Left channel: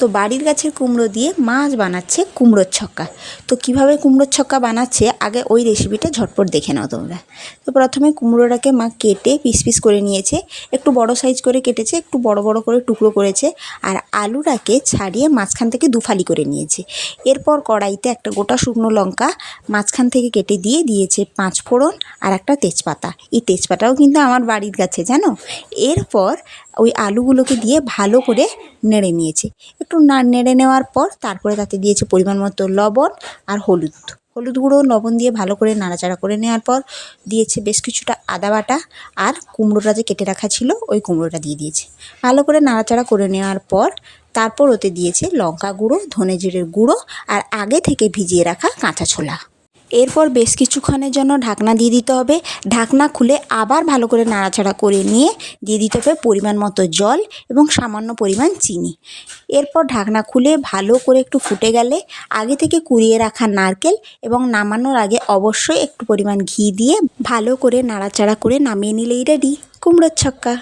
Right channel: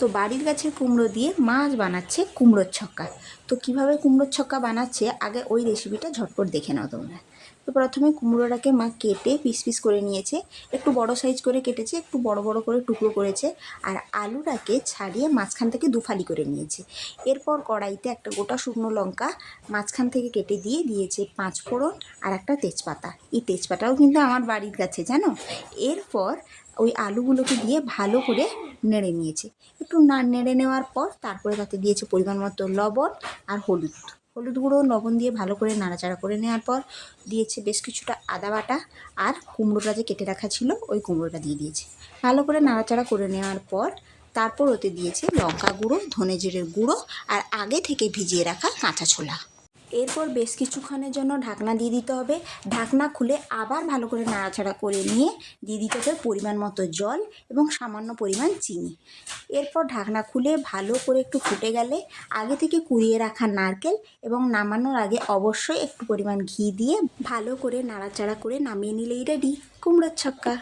তো বাড়ির গাছের কুমড়ো দিয়ে মাছ বানাচ্ছে কুমড়োর ছক্কা। তো কিভাবে কুমড়োর ছক্কা বানাচ্ছে আগে ওই রেসিপিটা ঝটপট দেখে নাও তোমরা। তো প্রথমে কুমড়োটাকে মা কেটে পিস পিস করে নিয়েছে, একটু বড় সাইজ করে কেটেছে, একটু বড় বড় করে টুকরো করেছে। আর আলুটাকে ছাড়িয়ে মাঝখান থেকে দুফালি করে নিয়েছে। এরপর কড়াইতে একটা গোটা শুকনো লঙ্কা মাঝখান থেকে কেটে দিয়ে দিয়েছে 5 ফোড়ন আর একটা তেজপাতা। এই তেজপাতাও কিন্তু আমার বাড়ির গাছে, জানো। এরপর ওই আলুগুলোকে দিয়ে ভালো করে নেড়ে নিয়েছে। একটু নেড়ে নেওয়ার পর তারপরে তাতে দিয়েছে পরিমাণ মতো লবণ আর হলুদ গুঁড়ো, লবণ দিয়ে ভালো করে নাড়াচাড়া করে নেওয়ার পর দিয়েছে বেশ কিছুটা আদা বাটা, আর কুমড়োটা যে কেটে রাখা ছিল ওই কুমড়োটা দিয়ে দিয়েছে। ভালো করে নাড়াচাড়া করে নেওয়ার পর তারপর ওতে দিয়েছে লঙ্কা গুঁড়ো, ধনে জিরের গুঁড়ো আর আগে থেকে ভিজিয়ে রাখা কাঁচা ছোলা। এরপর বেশ কিছুক্ষণের জন্য ঢাকনা দিয়ে দিতে হবে। ঢাকনা খুলে আবার ভালো করে নাড়াচাড়া করে নিয়ে দিয়ে দিতে হবে পরিমাণ মতো জল এবং সামান্য পরিমাণ চিনি। এরপর ঢাকনা খুলে ভালো করে একটু ফুটে গেলে আগে থেকে কুড়িয়ে রাখা নারকেল এবং নামানোর আগে অবশ্যই একটু পরিমাণ ঘি দিয়ে ভালো করে নাড়াচাড়া করে নামিয়ে নিলেই রেডি কুমড়োর ছক্কা।